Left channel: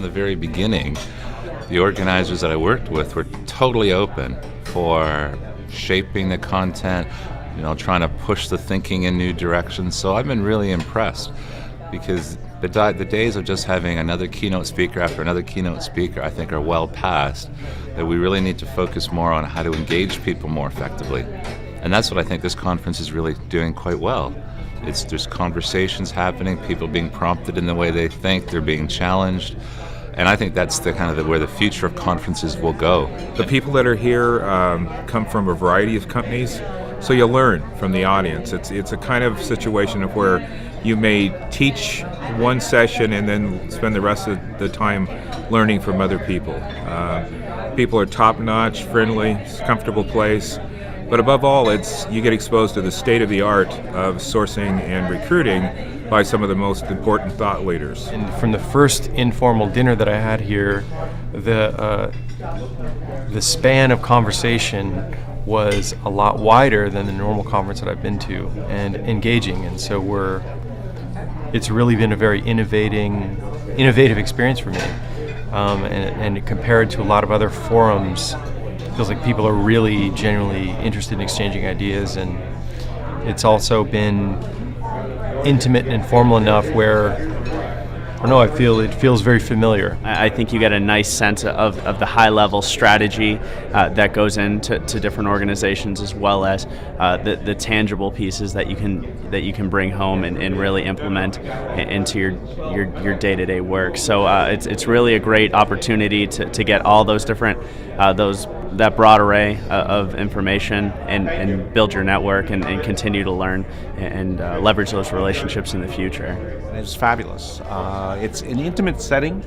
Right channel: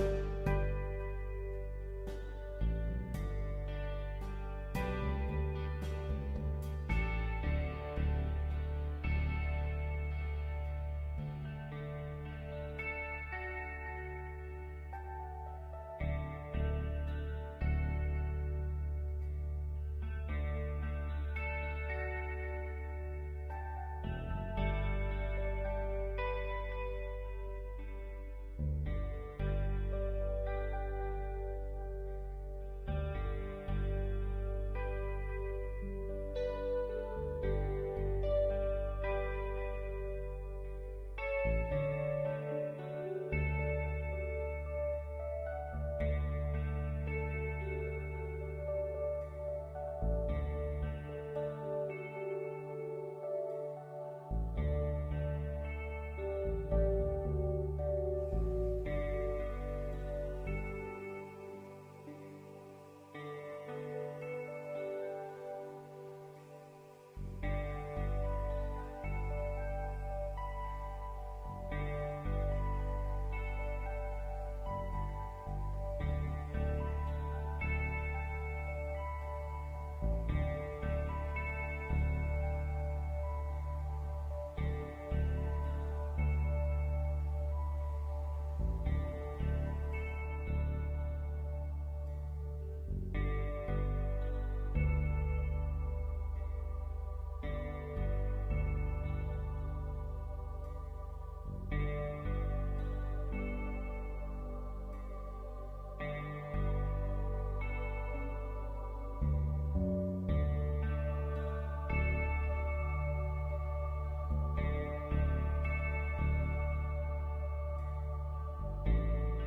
from the very beginning, the organizers that I worked with were totally open for shaping the content, trying to push the thinking in new directions. So I've been really impressed, because the days of just having another keynote speaker after another keynote speaker, I think, are well past. That we really need to focus more on how to engage people more effectively. And that's what I think this conference is really doing quite well. There's conversations happening, people being prompted in the way they think, they're being challenged. And I think that's where the future of conferences will go. The people that are here come from a variety of companies, so you learn from the audience. It's a kind of situation of where you may teach one session and then spend the rest of the time learning from other people. People are top-notch, friendly, it's a comfortable place. But above all, you get exposed to the state-of-the-art of sourcing and recruiting by some of the most important thought leaders. And from the first informal dinner that I had here, the span of conversation was a lot wider than the normal conference that I've been to, and engaging. And so it's really been a very innovative experience for me. And compared to a lot of other forums, it feels like people are really genuinely interested in exchanging ideas, and it's also been intimate and informal enough where, I don't know, it feels very familiar. I think you get a nice sense of the high-level strategy that goes into different organizations, as well as the tangible pieces that you can bring home and really implement into your day-to-day work. So it's really a great opportunity to get all those different that broad array of information and build your network and continue to learn and leverage those relationships in the future. It's fabulous. It's an intimate setting.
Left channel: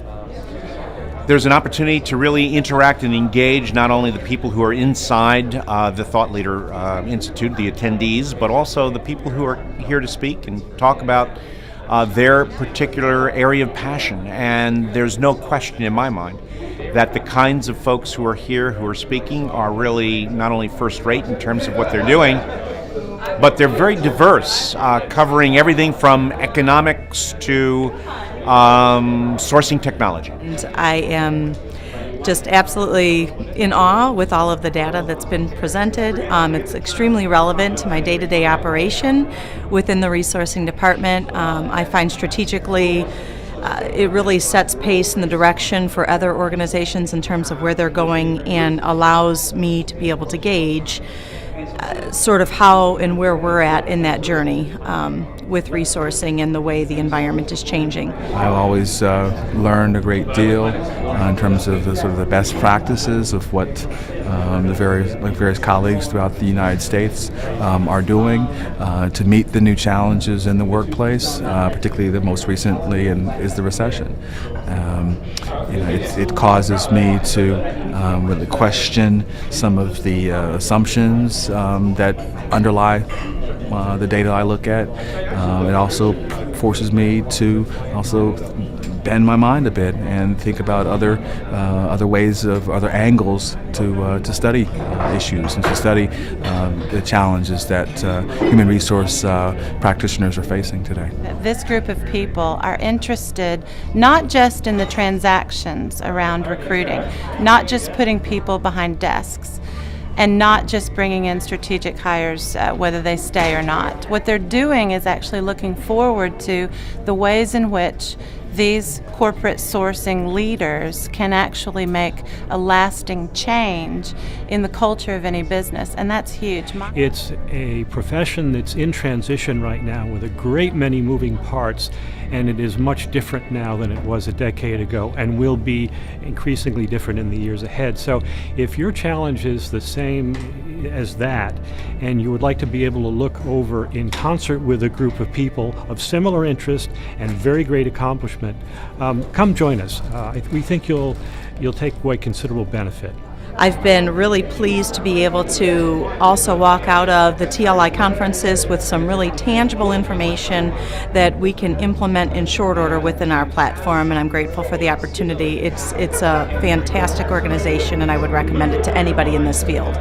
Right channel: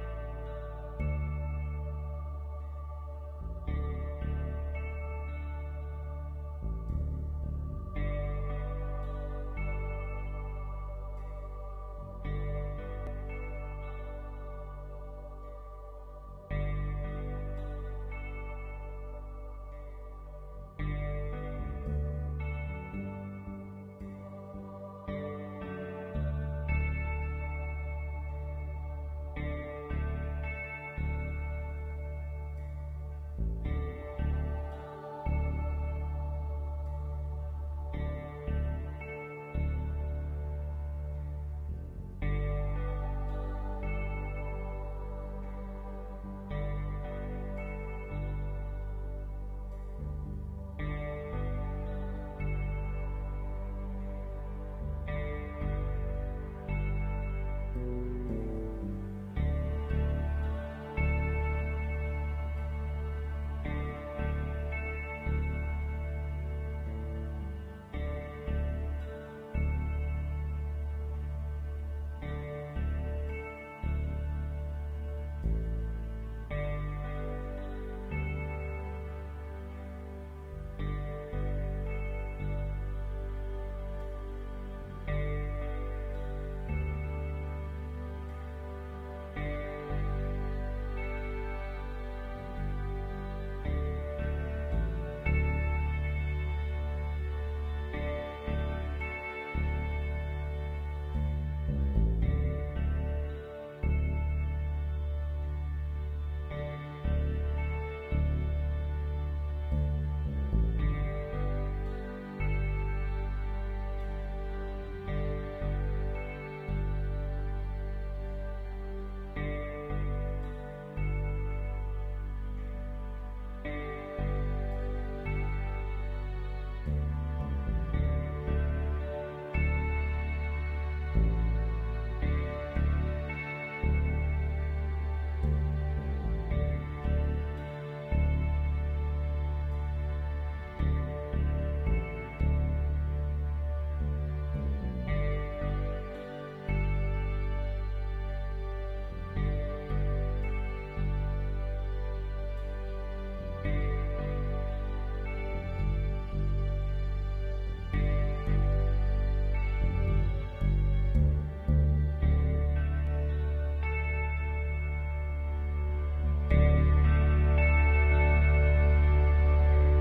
There's an opportunity to really interact and engage not only the people who are inside the Thought Leader Institute, the attendees, but also the people who are here to speak and talk about their particular area of passion. And there's no question in my mind that the kinds of folks who are here, who are speaking, are really not only first-rate in terms of what they're doing, but they're very diverse, covering everything from economics to sourcing technology. And I am just absolutely in awe with all of the data that's been presented. It's extremely relevant to my day-to-day operation within the resourcing department. I find strategically it really sets pace in the direction for other organizations in terms of where they're going, and allows me to be able to gauge sort of how and where we're at in that journey with resourcing and the way the environment is changing. I've always learned a great deal in terms of the best practices of what the various colleagues throughout the United States are doing to meet the new challenges in the workplace, particularly the most recently is the recession. It causes me to really question some of the assumptions that underlie the data I look at. It also forces me to also bend my mind a bit and think about other angles to study issues and to study the challenges that human resource practitioners are facing today. This group of people are interested not just in the transactions around recruiting, not just putting people behind desks, and not just bringing in strategic hires, whether they stay or not. What they're doing is actually looking forward to the ways in which these corporate sourcing leaders can actually make a lasting change in the culture of any business, and that's huge. It's a profession that's in transition right now with a great many moving parts, and it is much different now than it was a decade ago, and will be increasingly different in the years ahead. So if your challenge is the same as that, and you would like to be able to look over in concert with a group of people of similar interest and very great accomplishment, come join us. We think you'll take away considerable benefit. I've been really pleased to be able to also walk out of the TLI conferences with some really tangible information that we can implement in short order within our platform, and I'm grateful for the opportunity. It's a fantastic organization, and I would recommend it to anybody in this field.